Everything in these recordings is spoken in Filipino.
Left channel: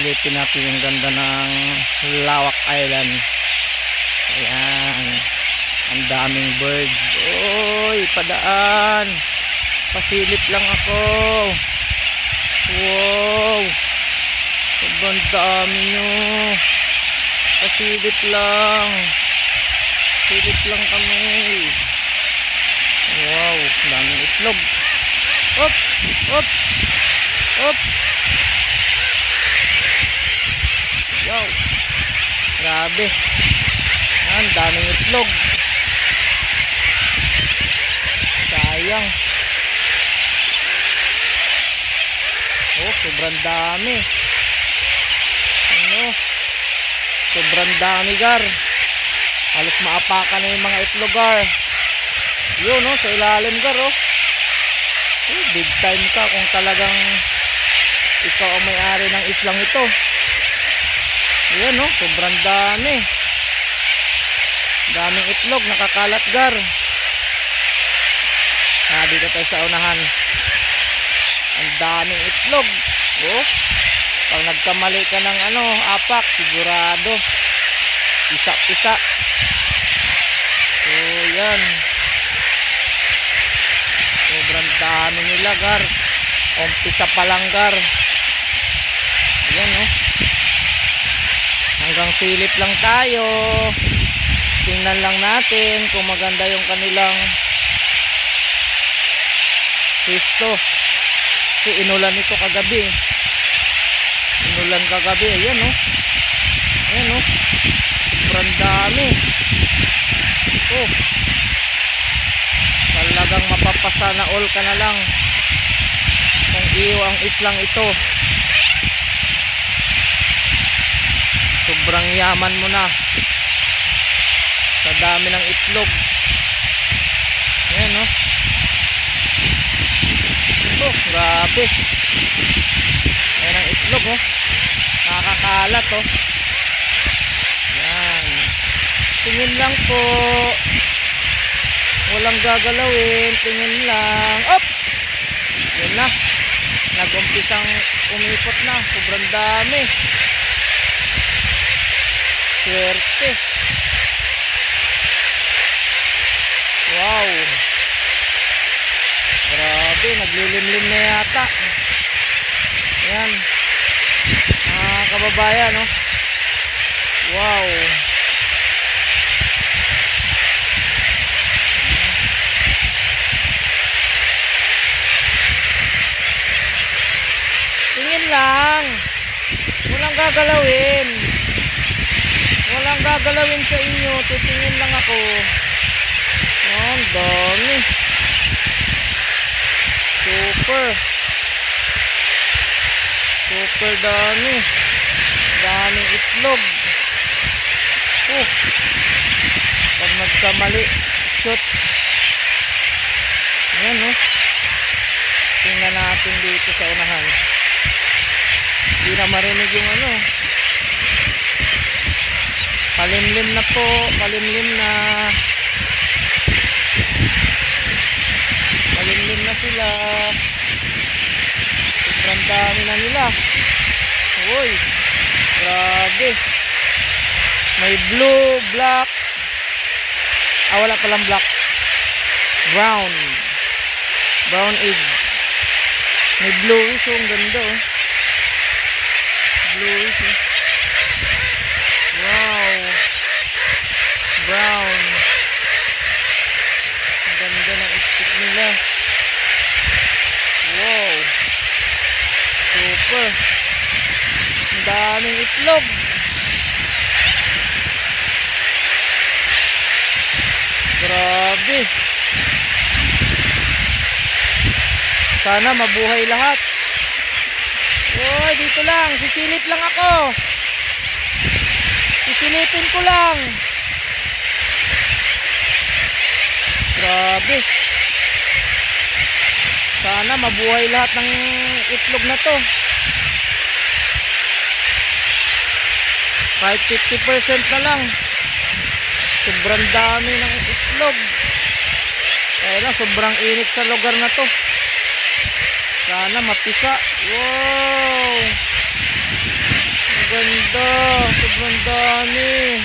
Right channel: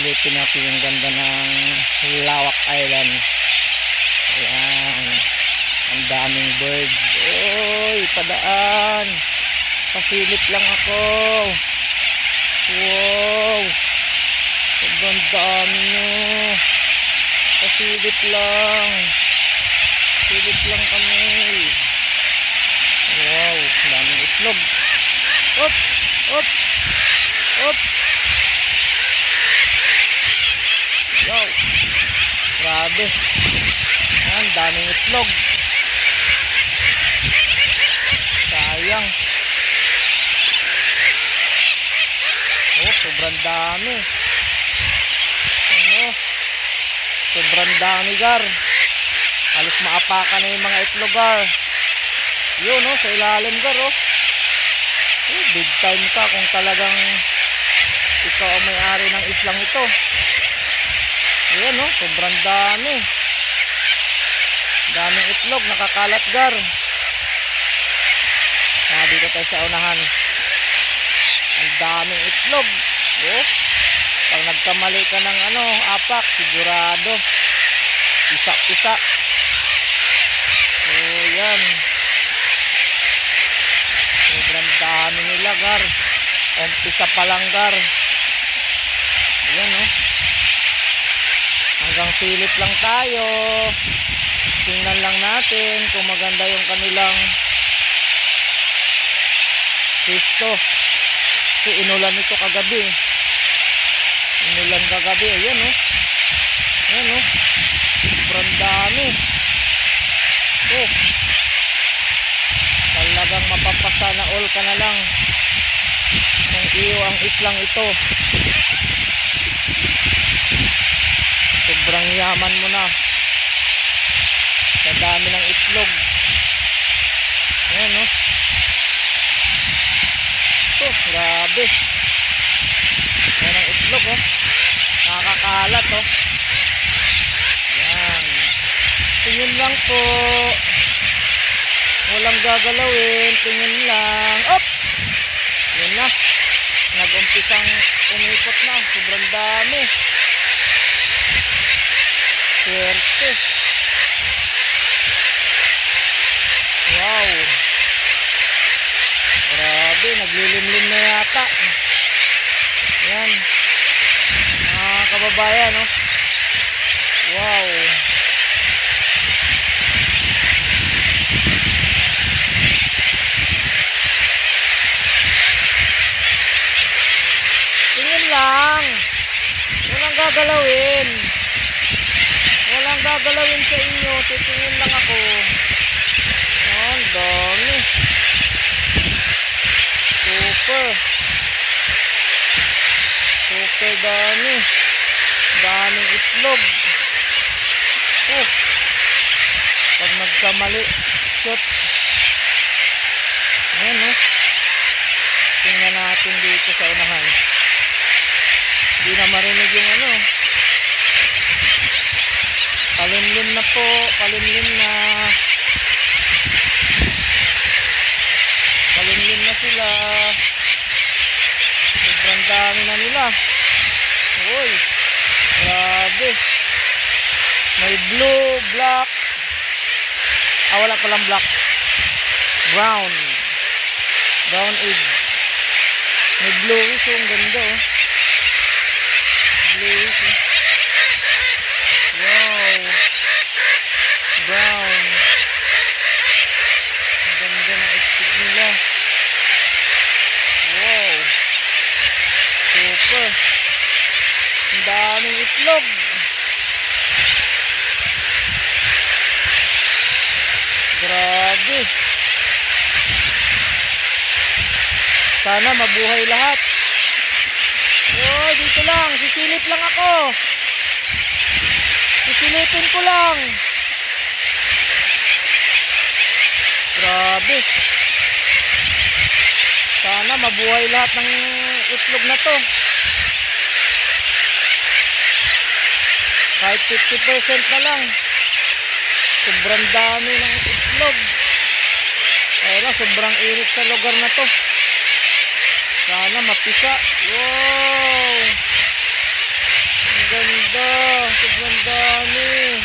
silipin natin yung ganda ng Lawak Island. Ayan, ang daming birds. Oy, padaan, pasilip lang ako. Wow, sobrang dami nyo. Pasilip lang, silip lang kami. Wow, daming itlog. Op, op, op. Wow, grabe. Ayan, daming itlog. Sayang. Oh, sobrang dami. Ano? Sobrang dami, gar. Halos maapakan na yung mga itlog, gar. Yun, oh, sa ilalim, gar, oh. Oh, big time ka kung talagang ikaw ang may-ari ng islang ito. Yun, oh, sobrang dami. Daming itlog, nakakalat, gar. Dito tayo sa unahan. Ang daming itlog. Oh, pag nagkamali ka ng apak, sigurado pisa-pisa. So yan, sobrang dami nila, gar. Umpisa pa lang, gar. Ayan, oh. Hanggang silip lang tayo. Tingnan lang natin kung maganda yung kanilang pisto. So inulan ito kagabi. Inulan kagabi. Ayan, oh. Ayan, oh. Sobrang dami. Oh, talagang mapapasa na all ka na lang kung iyo ang islang ito. Sobrang yaman mo na sa dami ng itlog. Ayan, oh. Oh, grabe. Ayan ang itlog, oh. Nakakalat, oh. Ayan. Tingin lang po. Walang gagalawin. Tingin lang. Op! Yan na. Nag-umpisang umikot na. Sobrang dami. Swerte. Wow. Grabe. Naglilimlim na yata. Ayan. Mga kababayan, no? Wow. Tingin lang. Walang gagalawin. Walang gagalawin sa inyo. Titingin lang ako. Ang dami. Super dami. Daming itlog. Oh. Pag nagkamali, shoot. Ayan, oh. Tingnan natin dito sa unahan. Hindi na marinig yung palimlim na po. Palimlim na. Palimlim na sila. Sobrang dami na nila. Uy, grabe. May blue, black. Wala palang black. Brown. Brown egg. May bluish, oh. Ang ganda, oh. Bluish, oh. Wow. Brown. Ang ganda ng itlog nila. Wow. Super. Ang daming itlog. Grabe. Sana mabuhay lahat. Oy, dito lang. Sisilip lang ako. Sisilipin ko lang. Grabe. Sana mabuhay lahat ng itlog na to. Kahit 50% na lang. Sobrang dami ng itlog. Kaya sobrang init sa lugar na to. Sana mapisa. Wow. ganda. Sobrang dami.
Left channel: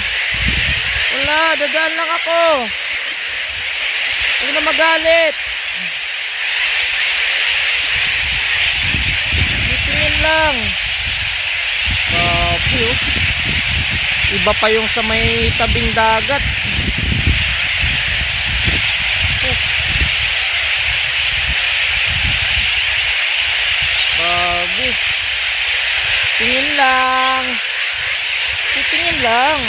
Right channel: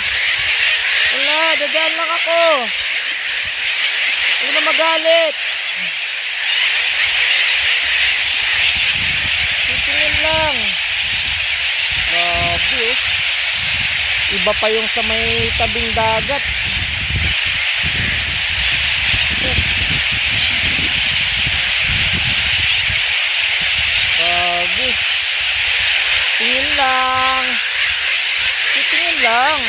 Wala, dadaan lang ako. Huwag na magalit. Titingin lang. Grabe oh. Iba pa yung sa may tabing dagat. Grabe. Tingin lang. Titingin lang.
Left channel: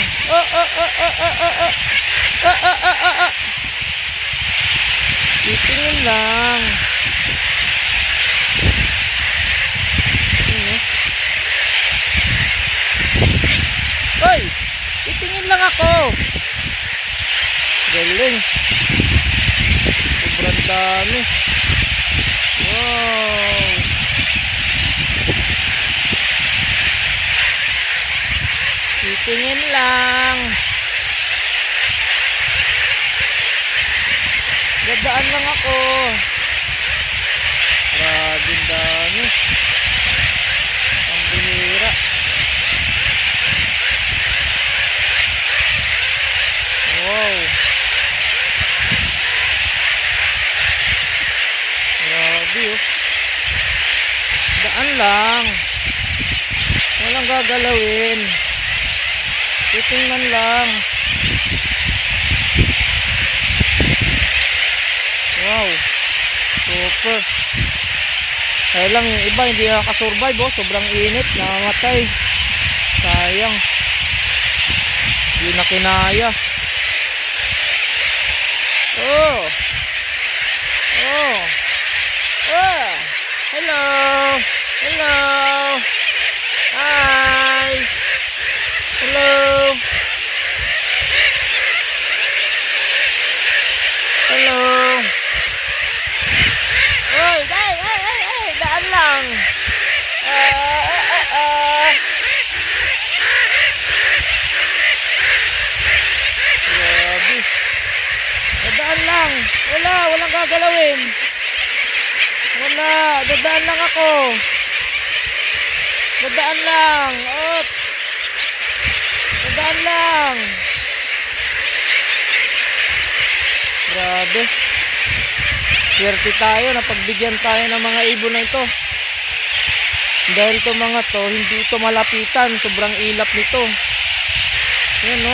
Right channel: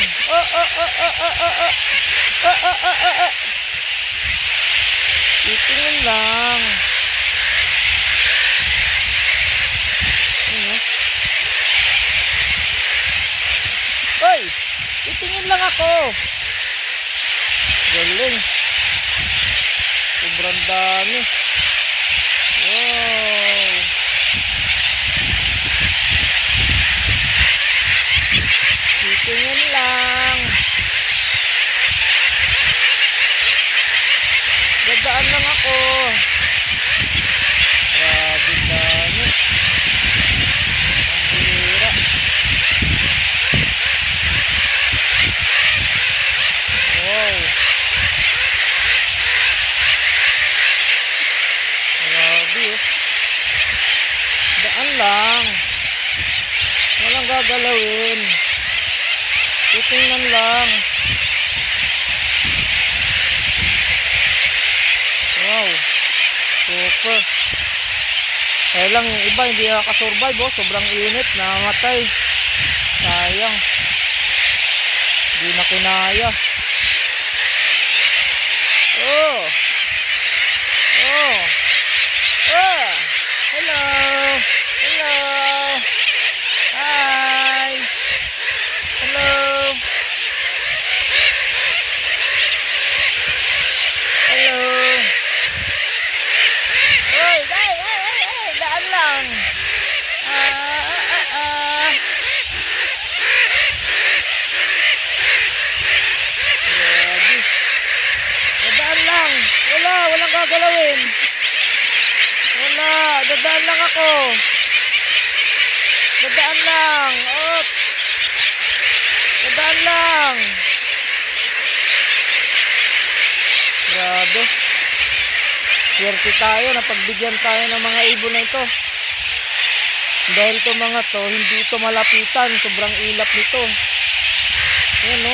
Titingin lang. Hoy! Titingin lang ako. Galing. Sobrang dami. Wow. Titingin lang. Dadaan lang ako. Grabe dami. Ang bihira. Wow. Grabe oh. Daan lang. Walang gagalawin. Titingnan lang. Wow. Super. Kaya lang yung iba hindi nakasurvive oh. Sobrang init. Namamatay. Sayang. Hindi na kinaya. Oh. Oh. Oh. Hello. Hello. Hi. Hello. Hello. Hey, daan lang. Grabe. Dadaan lang. Walang gagalawin. Wala, dadaan lang ako. Dadaan lang. Op. Dadaan lang. Grabe. Swerte tayo na pagbigyan tayo ng mga ibon na ito. Dahil ito mga to, hindi ito malapitan. Sobrang ilap nito. Ayan no.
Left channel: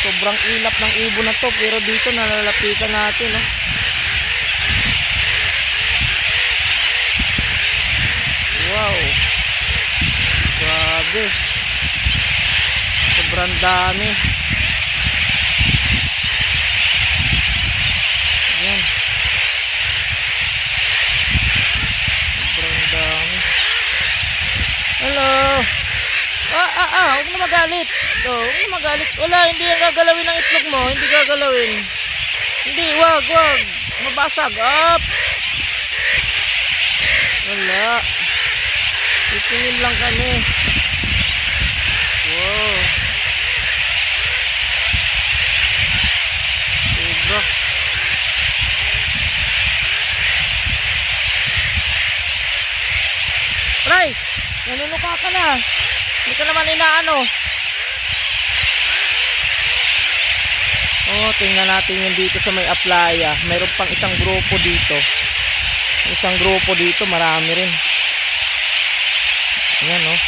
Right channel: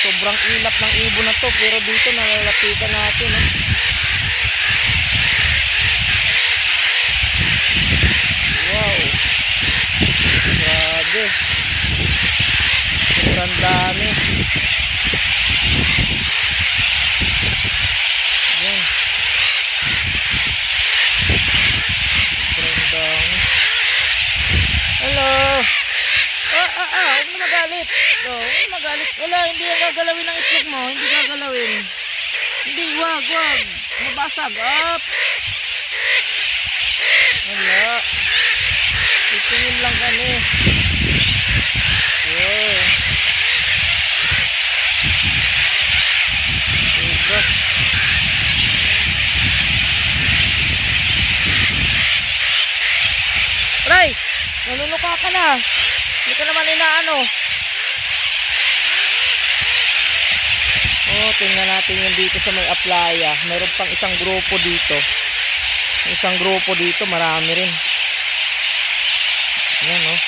Sobrang ilap ng ibon na to. Pero dito nalalapitan natin no. Wow. Grabe. Sobrang dami. Ayan. Sobrang dami. Hello. Huwag na magalit. Huwag na magalit. Wala, hindi yung gagalawin ang itlog mo. Hindi gagalawin. Hindi, wag. Mabasag. Up. Wala. Titingin lang kami. Wow. Sobra. Ray, nanunuka ka na. Hindi ka naman inaano. Oh, tingnan natin yung dito sa may aplaya. Meron pang isang grupo dito. Isang grupo dito, marami rin. Ayan oh.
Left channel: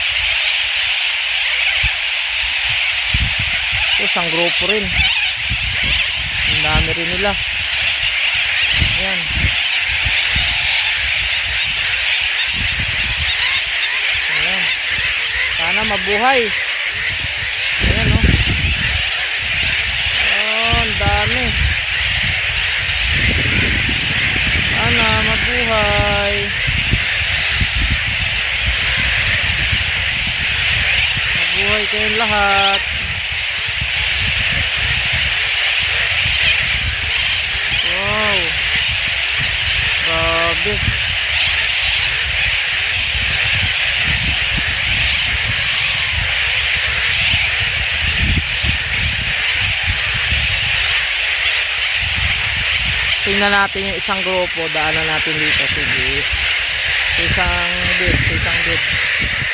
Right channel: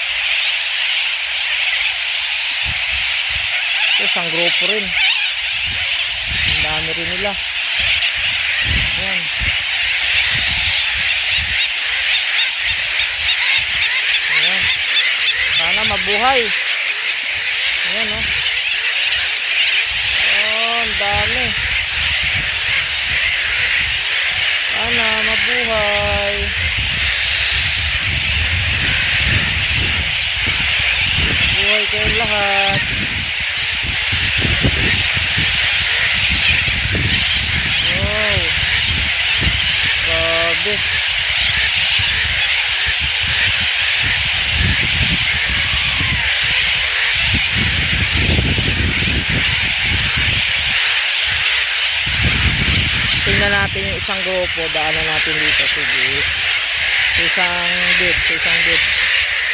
Isang grupo rin. Ang dami rin nila. Ayan. Ayan. Sana mabuhay. Ayan oh. Oh, ang dami. Sana mabuhay. Mabuhay kayong lahat. Wow. Grabe. Tingnan natin yung isang grupo, daanan natin dito. Sige. Sa isang bed.